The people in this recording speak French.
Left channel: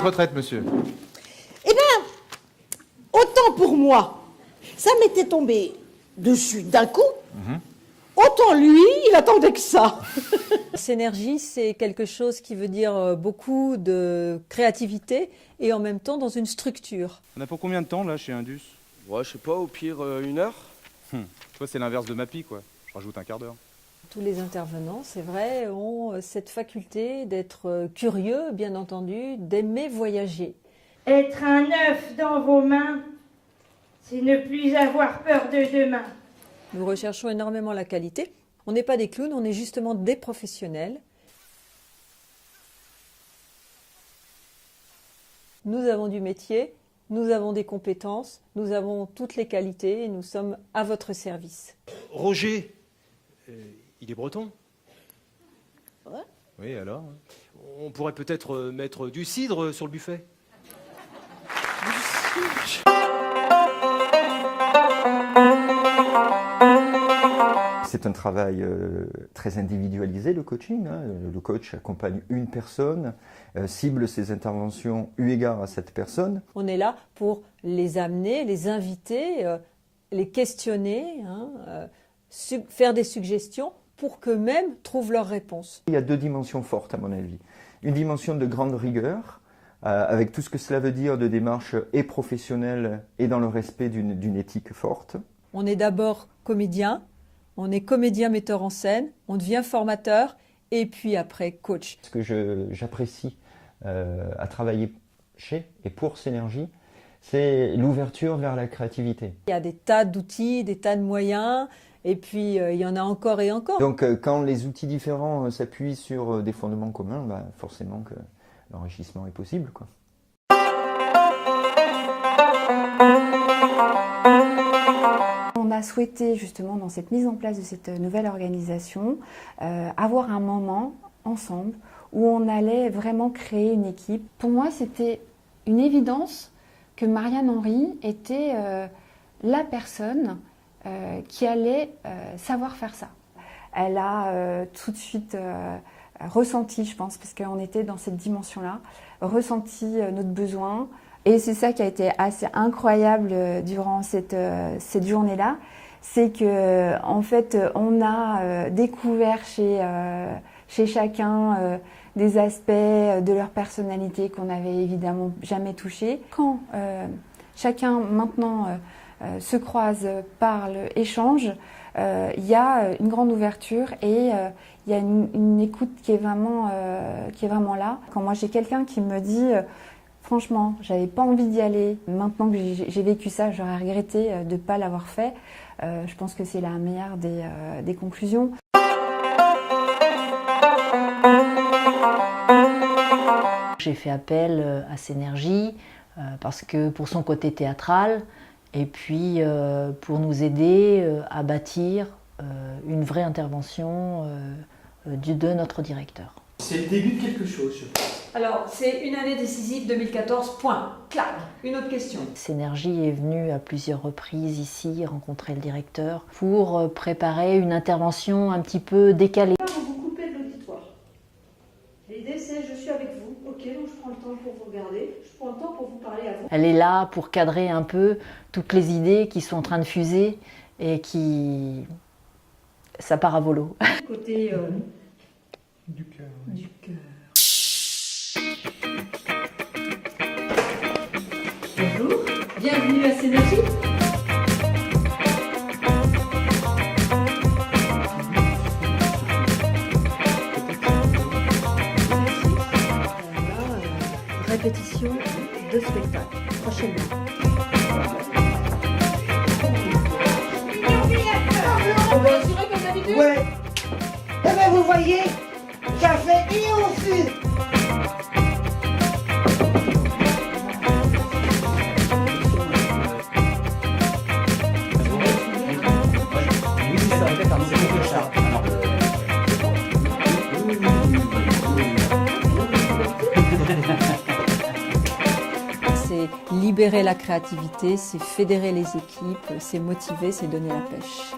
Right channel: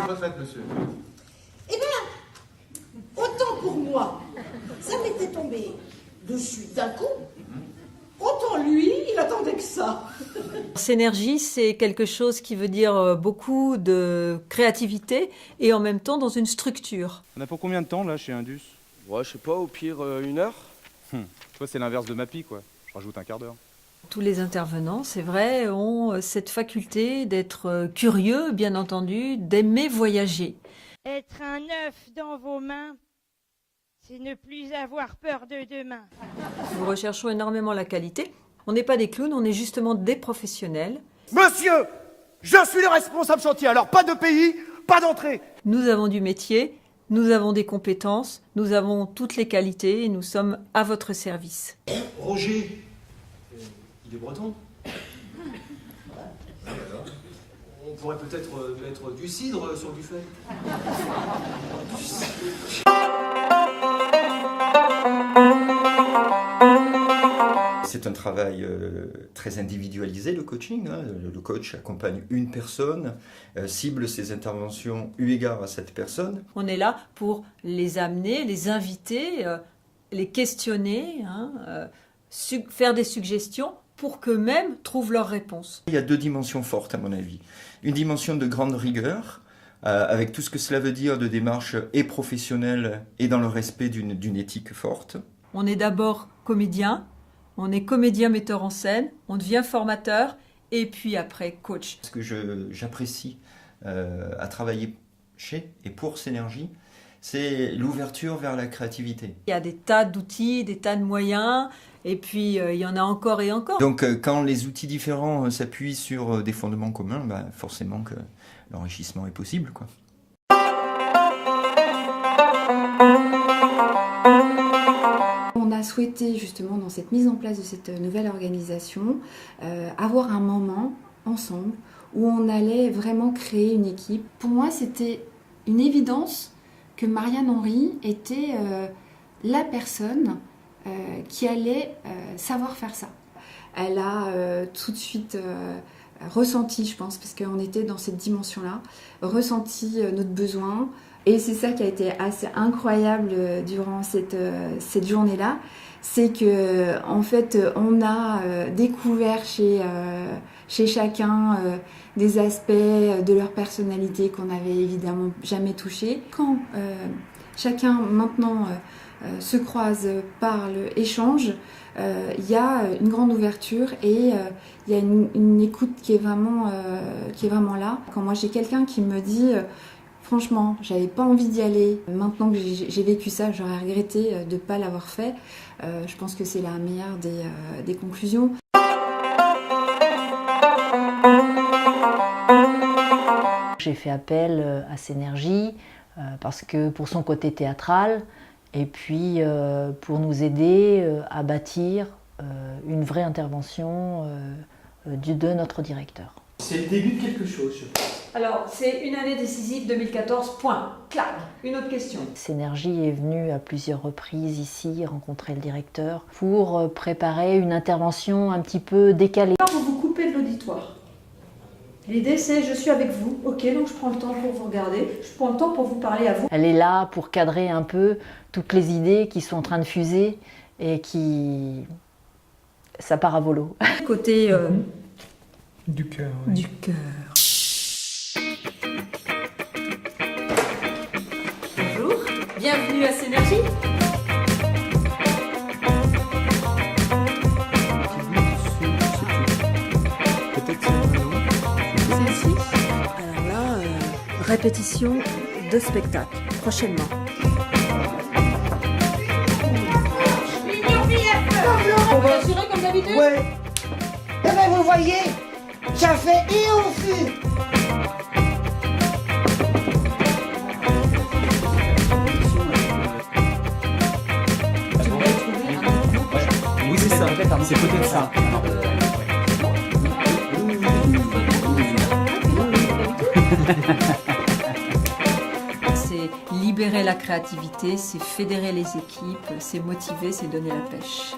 votre retraite, monsieur? Eh bien, autant pour moi, ça m'était tombé dessus d'un coup, autant lui, il attendait que ça. Synergie, c'est quelque chose qui veut dire beaucoup de créativité et en même temps dans une structure. On a pour combien de temps, là, chez Indus? Ouais, je sais pas, au pire, 1 heure. Toi, c'est l'inverse de Mappy, quoi. Je rajoute un quart d'heure. Tous les intervenants, c'est vrai, ont cette faculté d'être curieux, bien entendu, d'aimer voyager. Être un œuf dans vos mains, c'est ne plus avoir peur de demain. Nous recherchons énormément la qualité. On n'est pas des clowns, on est justement des professionnels. Monsieur, je suis le responsable chantier, alors pas de pays, pas d'entrée. Nous avons du métier, nous avons des compétences, nous avons toutes les qualités et nous sommes à votre service. Roger, il est breton. Oui, alors? On pourrait peut-être mettre du cidre sur le buffet. C'est un travail très individualisé, le coaching. Le coach accompagne une personne, cible ses interventions eu égard à cette personne. On est là pour les amener, les inviter, les questionner, faire des suggestions pour qu'eux-mêmes trouvent leurs réponses. Il y a 2 dimensions fortes à mon avis. Une dimension de grande rigueur, avec tout ce que cela veut dire de démarche et professionnelle et dans le respect d'une éthique forte. On est d'abord comédien, on est comédien metteur en scène, on devient formateur et puis après coach. Ce que j'apprécie à travailler chez et pour Synergie, c'est l'ouverture vers la créativité. Il y a des tas d'outils, des tas de moyens et puis il y en a encore et encore. Donc quand les outils différents s'appuient sur des fondements communs, forcément que l'enrichissement est possible, quoi. On a souhaité justement dans cette mise en place de cette nouvelle organisation avoir un moment ensemble où on allait vraiment créer une équipe. Pour moi, c'était une évidence que Marianne Henry était la personne qui allait savoir faire ça. Elle a tout de suite ressenti, je pense, parce qu'on était dans cette dimension-là, ressenti notre besoin. Et c'est ça qui a été assez incroyable durant cette journée-là, c'est que en fait, on a découvert chez chacun des aspects de leur personnalité qu'on n'avait évidemment jamais touchés. Quand chacun maintenant se croise, parle, échange, il y a une grande ouverture et il y a une écoute qui est vraiment là. Quand moi j'ai quelqu'un qui me dit franchement, j'avais pas envie d'y aller. Maintenant que j'ai vécu ça, j'aurais regretté de ne pas l'avoir fait. Je pense que c'est la meilleure des conclusions. J'ai fait appel à Synergie parce que pour son côté théâtral et puis pour nous aider à bâtir une vraie intervention de notre directeur. C'est le début de quelque chose, je pense. Alors, c'est une année décisive 2014, point. Clac. Une autre question. Synergie est venue à plusieurs reprises ici rencontrer le directeur pour préparer une intervention un petit peu décalée. Vous vous coupez de l'auditoire. L'idée c'est je suis avec vous, ok, donc je prends le temps pour vous regarder, je prends le temps pour vous parler à vous. Elle est là pour cadrer un peu toutes les idées qui sont en train de fuser et qui... ça part à volo. Côté du cœur. Oui. Du cœur. Bonjour, bienvenue à Synergie. Répétition de spectacle, prochainement. Ouais. Eh ben, vous voyez, ça fait et on fait. Oui, c'est ça. C'est peut-être ça. C'est libérer la créativité, c'est fédérer les équipes, c'est motiver, c'est donner la pêche.